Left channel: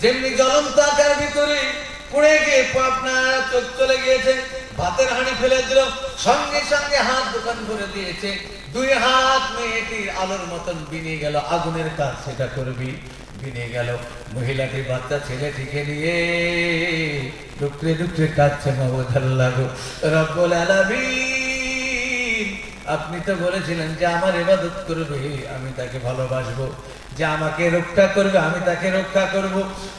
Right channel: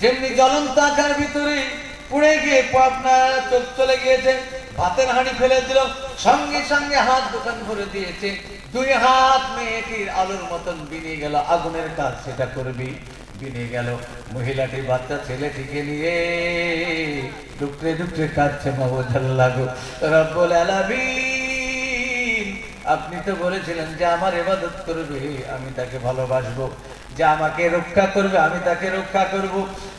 যেমনি জ্বলন্ত আকার ভিতরে পুড়ে গিয়ে আপনার চোখ চলে গিয়েছে, ভাতের হাঁড়ি ফেলে দিল, সঙ্গে সঙ্গে হাত দোকান ভরে দিয়েছে, দুই হাত মেয়েটির আলোর মতন বেরিয়ে গেল, আগুনের কাজ সেটা করবি, বেরিয়ে গেল। মহিলাটি বাচ্চা ছেলেটিকে নিয়ে টুকরে টুকরে কাঁদছে। মাহবুদাল্লাহ গো রব্বুল আলামিন, আপনি তো বলেছিলেন যে আমার ইবাদত করবে আমি তাকে ভালোবাসবো, যে আমাকে রক্ষা করবে আমি তাকে রক্ষা করব।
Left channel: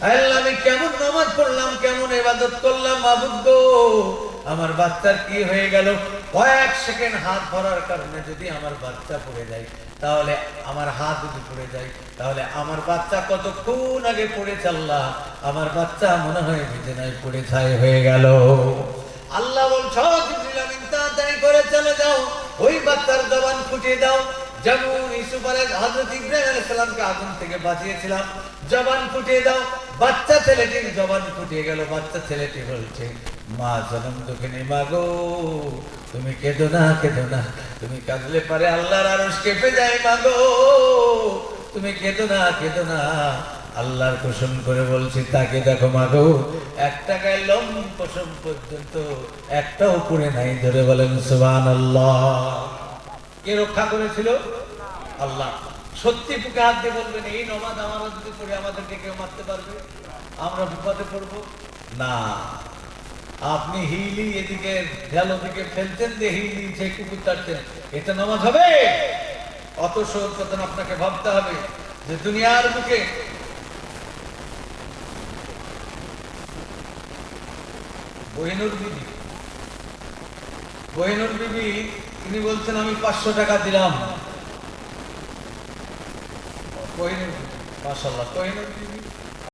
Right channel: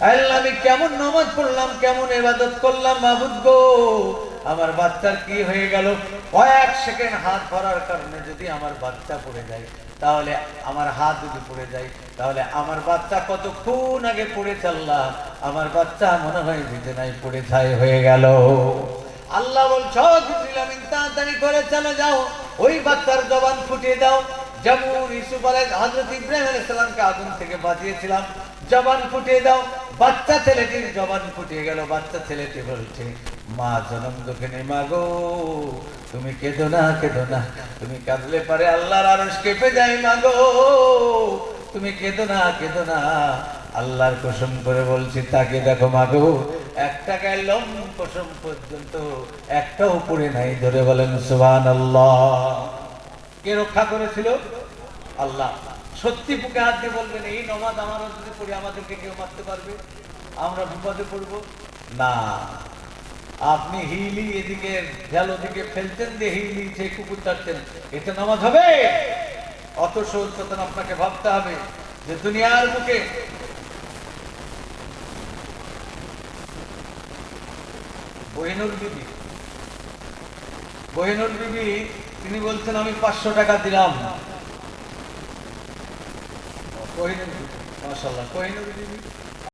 আল্লাহ আমি কেমন নামাজ পড়লাম, কেমন ইবাদত করলাম মাহবুব গো, আমার বাচ্চার কি হয়ে গেল? কয়েক সেকেন্ড হাত ধরার কারণে যদি আমার বাচ্চা পড়ে যায়, তাহলে আমার হাত যদি পড়ে যায়, তাহলে আমার বাচ্চা কতক্ষণ আগে পড়েছে আল্লাহ, আমার বাচ্চা মনে হয় বিছানায় পড়ে ছাই হয়ে গেল। আল্লাহ বলছো জিবরিল তাড়াতাড়ি করে চলে যাও, ওই বাচ্চার জবান ফুটিয়ে দাও, যেমন ইউসুফ হযরত ইব্রাহিম আলাইহিস সালামকে আগুন থেকে বাঁচিয়েছিলাম, জবান ফুটিয়ে দাও। বাচ্চা ছেলেটির জবান ফুটিয়ে গেল। বাচ্চা ছেলেটি বলছে, মা জনম দুঃখিনী মা গো, তুমি কেঁদো না, কেঁদো না, তুমি কাঁদলে পারে আল্লাহর আরশ কেঁপে যায় মা গো, তুমি কেঁদো না, কেঁদো না। আল্লাহর কসম করে বলছি, তাকে দেখো মা গো, একটা গায়ে লোম পশম পর্যন্ত একটাও পড়ে নাই। ধরে বলেন সুবহানাল্লাহ। কে রক্ষা করেছিল? আল্লাহ। সত্যি বুকে হাত দিয়ে বলবেন, এই নামাজ আমরা যদি পড়ি আমাদেরকে কেউ মারতে পারবে? আমরা বিপদে পড়বো না। আপনি হিলি এদিকে গেল দিকে ফেলতেন, দিয়ে হিলি সেই কুকুর চাটতেন, এটা নামাজ হবে? অত সচেতন আপনাকে ভাবতে হবে যে দুনিয়ার বুকে কোহিনুর বিবি তিনি বলছেন আমি 500 টাকা দিলাম। কোহিনুর, মাশাআল্লাহ, কোহিনুর বিবি